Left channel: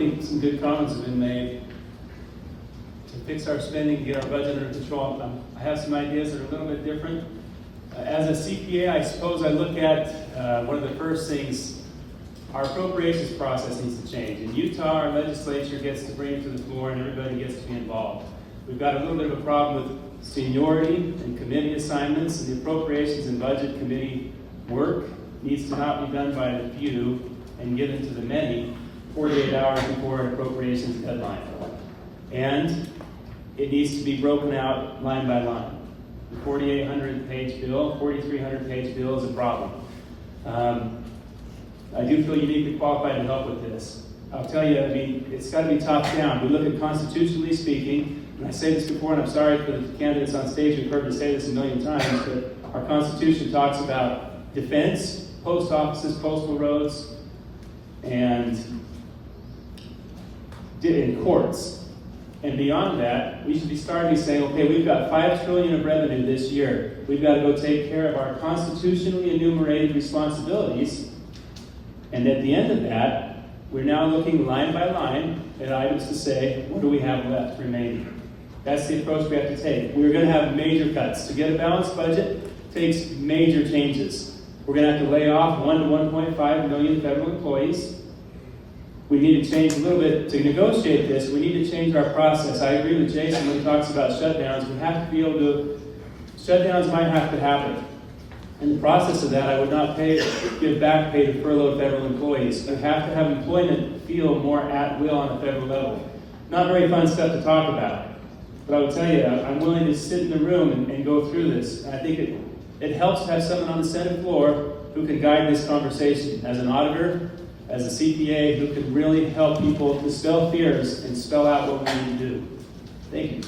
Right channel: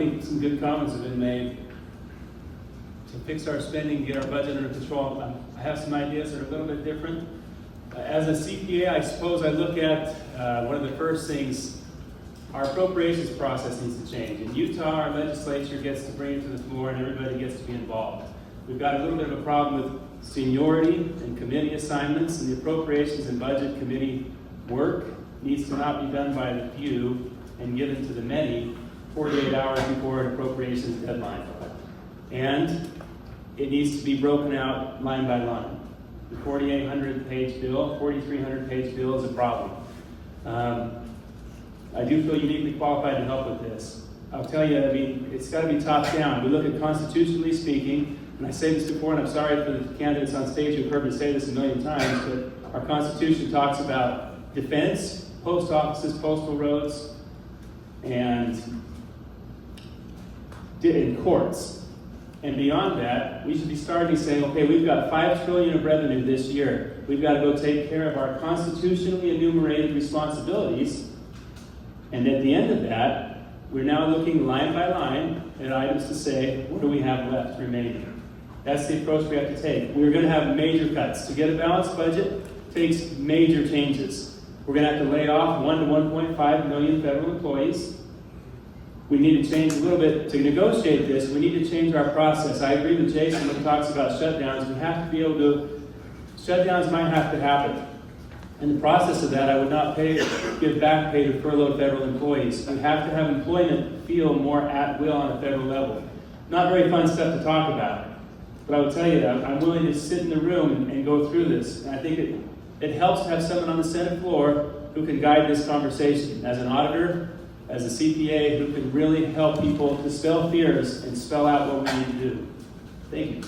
think some good comments have been made to fix our spending, get our budget under control. I have some ideas that are a little bit different. As a CPA, I suppose I look at one of the first things, our appropriations process needs to change. In Utah, our legislature gets to bring it to the floor and everybody gets to be involved. We've got a little bit of a problem with seniority and committee assignments, and the appropriations and budget committee work needs to not be done by the few and given to the many 48 hours before an appropriations deadline. And it needs to be broken out line by line. The 4,800 page bill, 4,300 page bill is a problem. I do feel uniquely qualified to help with this. I'll tell you, I mean, it's got to be top down. We look at constitutionally speaking, and I say this before, and I'm sorry for the candidates on stage who've heard me say this a million times, but our Constitution talks about defense, post offices, postal roads, and in courts. And beyond that, we should be starting saying, okay, we've got $5 trillion of revenue this year. We've got to go take care of our constitutionally enumerated responsibilities. And at the end of that, we're now looking line by line at items to say, what do we have left remaining? That's the approach we have to take. We're going to have major cuts. To get a balanced budget takes major changes. We're going to have to lay off 1 to 1.5 million federal employees. We need to change a little bit. To negotiate this, we need to change our process. I agree with Jason when he talks about shutdowns. We have to be able to, shutdowns might have to happen. In the process of that, I would not give back pay to furloughed federal employees. We have to have employment feel more at will on a federal level. Not very fun stuff to talk about. But I will tell you, I'm willing to sit in the room and go through this. And I think it helps to have someone on the Senate floor who can guide this conversation. As an auditor, as a CPA, who can really help people dispel fears and spell out what we need to do. Thank you.